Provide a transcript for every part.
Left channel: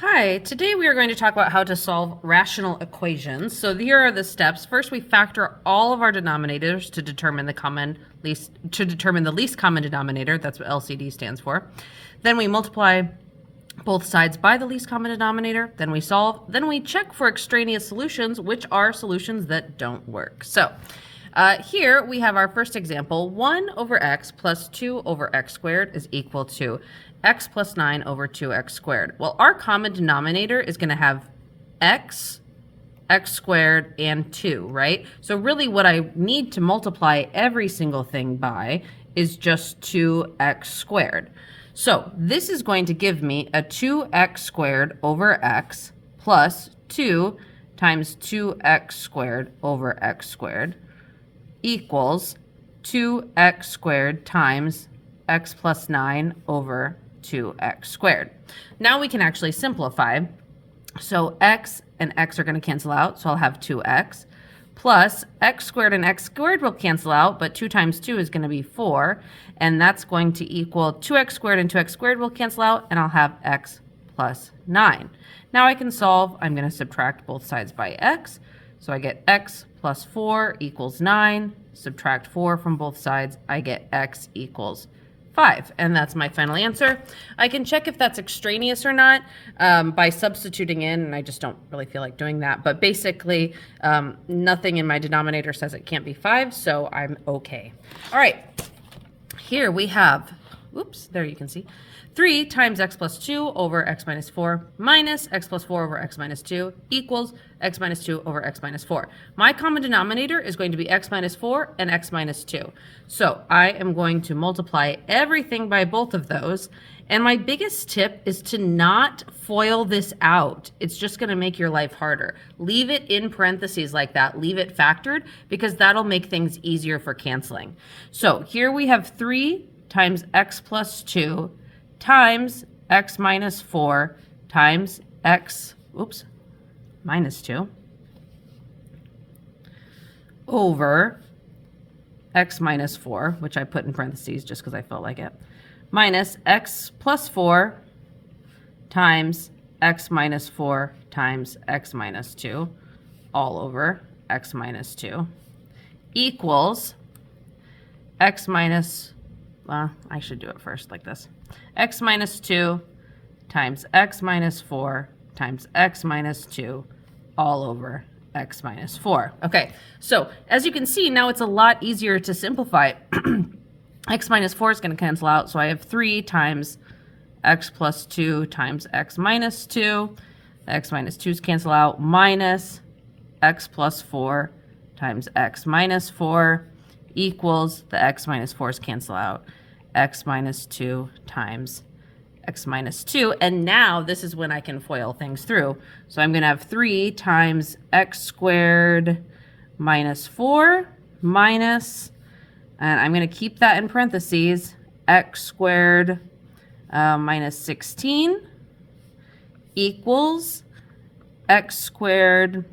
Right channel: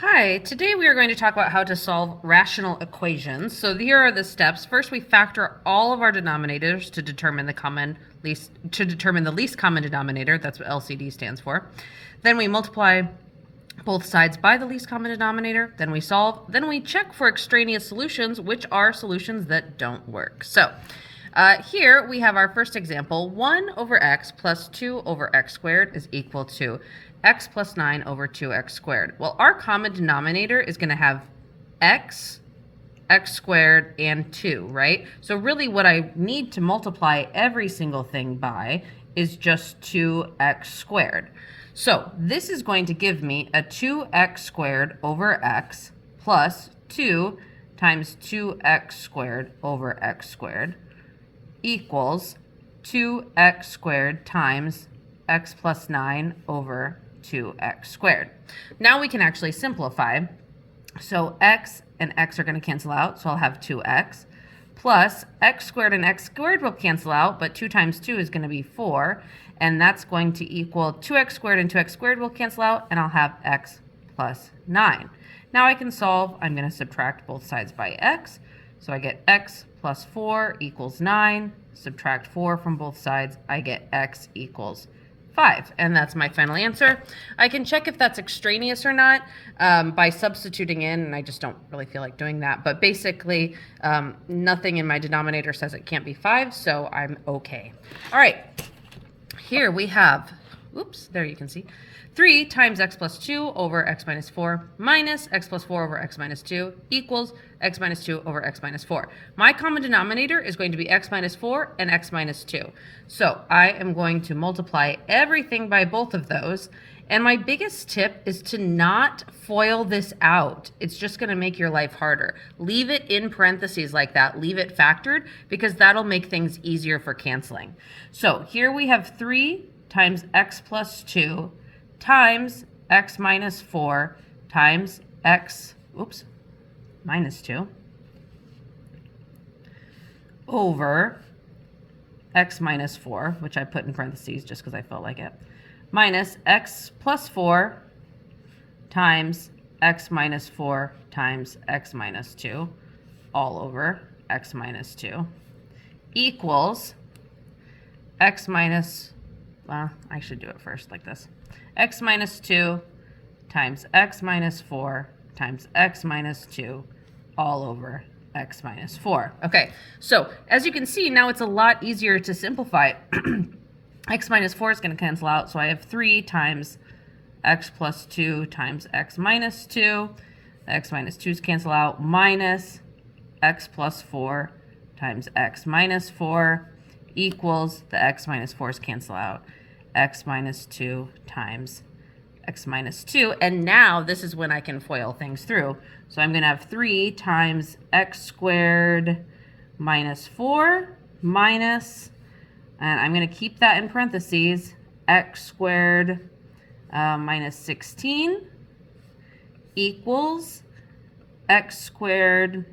Hi, today we are going to talk about how to solve rational equations. So here are the steps. First, we factor all of our denominators to determine the least common denominator. That's what LCD stands for. Then we multiply both sides by the least common denominator. Then we solve. Then we check for extraneous solutions, which are solutions that don't work. So here we have our first example. 1 over x plus 2 over x squared is equal to x plus 9 over 2x squared. Well, our common denominator is going to have x squared, and 2, right? So really what I need to multiply every single thing by is just 2x squared. So this is going to give me a 2x squared over x plus 2 times 2x squared over x squared equals 2x squared times x plus 9 over 2x squared. Now we can actually simplify. So x and x are going to cancel out, so I'll have 2x plus x squared and x squared will cancel out, but 2 times 2 is going to be 4, and that's going to equal 2x squared and 2x squared will cancel out, and I'll have x plus 9. Now I can solve. I'm going to subtract both sides by x, so I get x plus 4 equals 9. Subtract 4 from both sides, I get x equals 5, and that's my final answer. I can check if that's extraneous or not by substituting in, and I just don't really feel like doing that. But basically, nothing in my denominator says it can't be 5, so I'm okay. All right, here we have, oops, there you can see, 3 times x plus 2 over x minus 4 minus x plus 4 over x minus 2 equals x minus 2 over x minus 4. My common denominator is going to be x minus 4 and x minus 2. So I am going to multiply everything by both of those. And my biggest tip is to not FOIL this out. It's just going to make your life harder. Leave it in parentheses like that. Leave it factored, because that'll make things easier for canceling. So here we have 3 times x plus 2 times x minus 4 times x, minus 2 over x minus 4, which I put in parentheses just because I felt like it, minus x plus 4 times x minus 4 times x minus 2 all over x minus 2 equals x minus, well, I should do it first like this, x minus 2 times x minus 4 times x minus 2 all over x minus 4. Okay, so as you can see, now it's a lot easier to simplify. X minus 4 is going to cancel out, so I have 3 times x plus 2 times x minus 2. The x minus 2's cancel out, minus x plus 4 times x minus 4 equals, the x minus 4's cancel out, x minus 2 times x minus 2. And now this is when I can FOIL things through. So I'm going to have 3 times x squared minus 4 minus, and I'm going to keep that in parentheses, x squared minus 16 equals x squared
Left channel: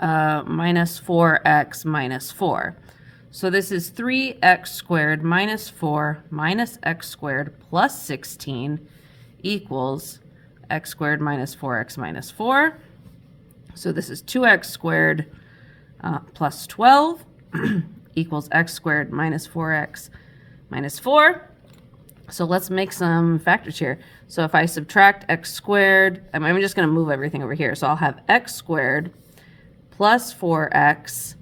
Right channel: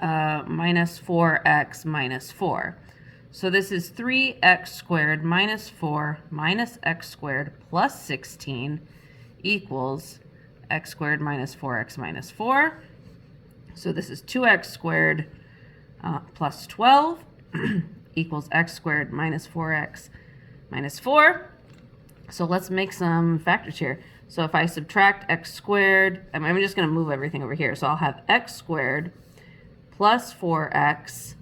minus 4x minus 4. So this is 3x squared minus 4 minus x squared plus 16 equals x squared minus 4x minus 4. So this is 2x squared plus 12 equals x squared minus 4x minus 4. So let's make some factors here. So if I subtract x squared, I'm just going to move everything over here. So I'll have x squared plus 4x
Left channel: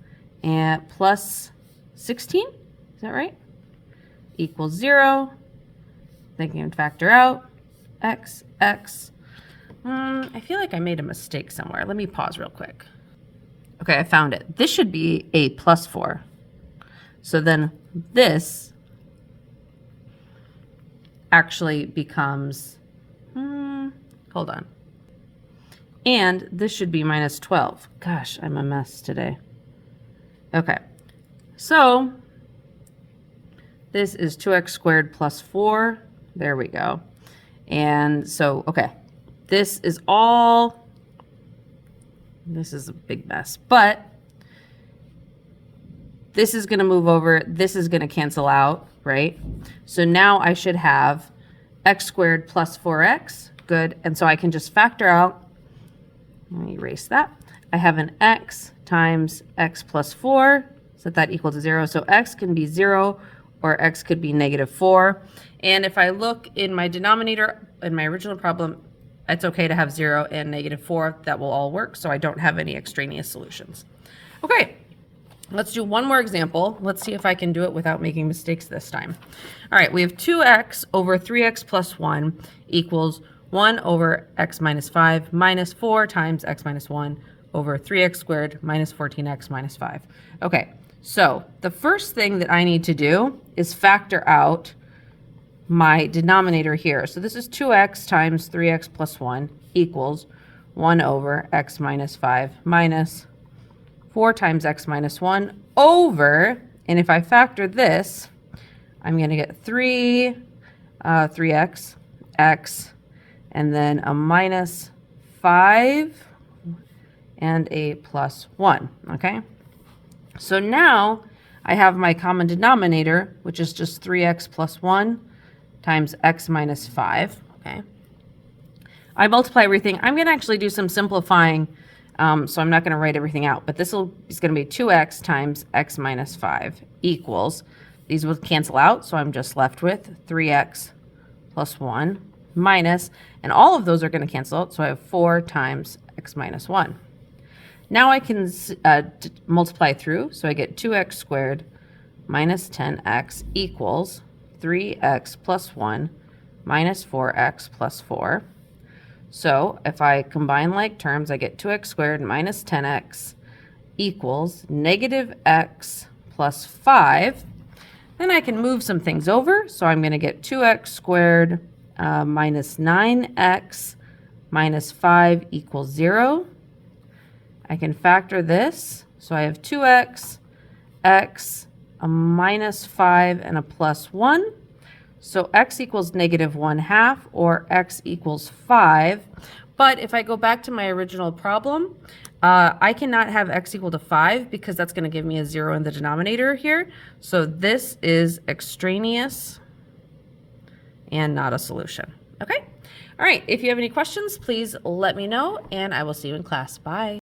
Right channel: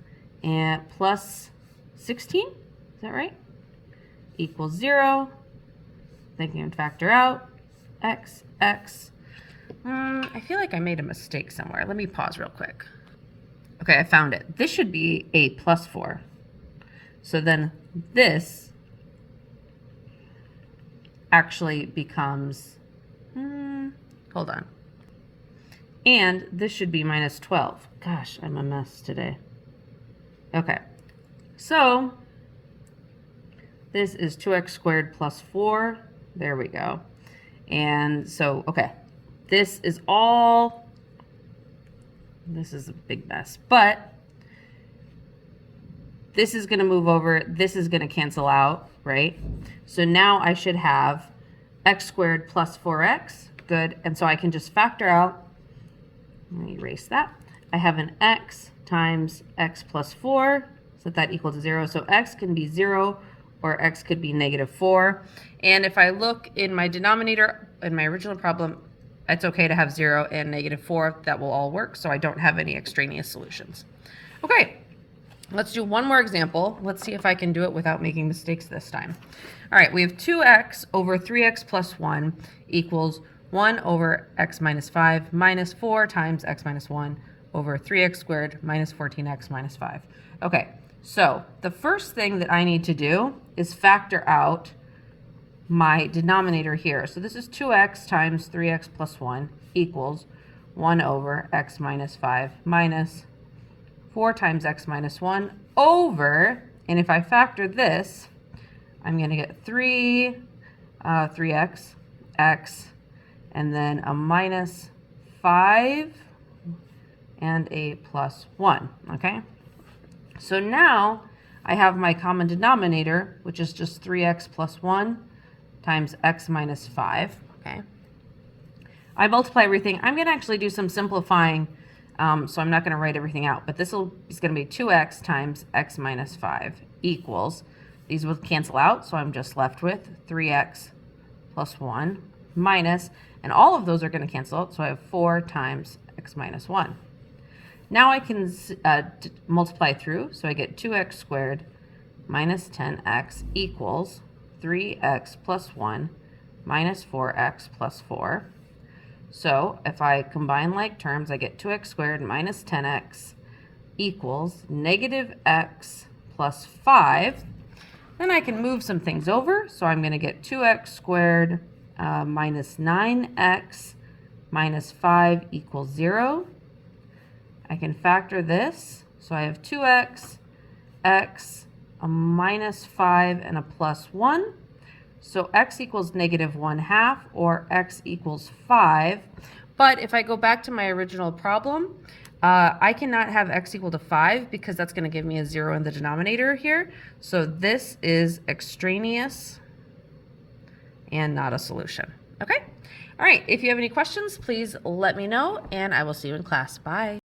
and plus 16, is that right? Equals 0. Then you can factor out x. I feel like I made a mistake somewhere. Let me pause real quick. Okay, I found it. This should be a plus 4. So then this actually becomes, hold on. And this should be minus 12. Gosh, I'm a mess today. Okay. So this is 2x squared plus 4. There we go. And so, okay, this is a big mess, but this is going to move over. This is going to cancel out, right? So now I should have x squared plus 4x good. And so I can just factor out, let me erase that. I have an x times x plus 4, so that equals 0. So x can be 0 or x could be -4. And if I look in my denominator, in my original problem, it's okay to have 0 and -4. That will all work, so I don't have any extraneous solutions. Okay, let's do one more example. Let's see if I can do it without making mistakes this time. All right, we have 2x over 3x plus 1 equals 1 over x minus 5 minus 4 times x minus 1 over 3x squared minus 14x minus 5. Okay, so the first thing that I need to do is factor out my denominator here. So this is 2x times 3x plus 1 equals 1 over x minus 5 minus 4 times x minus 1 over, and if I factor this, I'm going to get 3x, x, and then a minus 5 and a plus 1, okay? So now I have my common denominator, which is just 3x plus 1 times x minus 5, okay? I multiply everything. I'm going to actually do some simplifying, so I'm not going to write everything out, but this is going to be 2x times x minus 5 equals, these will cancel out, so I'm just left with 3x plus 1 minus, and all of those are going to cancel out, so I have 4 times x minus 1. Now I can multiply through, so I get 2x squared minus 10x equals 3x plus 1 minus 4x plus 4. So if I combine like terms, I get 2x squared minus 10x equals negative x plus 5. Then I can move some things over. So I'm going to get 2x squared minus 9x minus 5 equals 0. I can factor this. So I have 2x, x, a minus 5, and a plus 1. So x equals -1/2 or x equals 5. But if I go back to my original problem, I cannot have x equal to 5 because that's going to give me a 0 in the denominator here. So this is extraneous and not a solution. Okay? All right. If you have any questions, please let me know, and I will see you in class. Bye.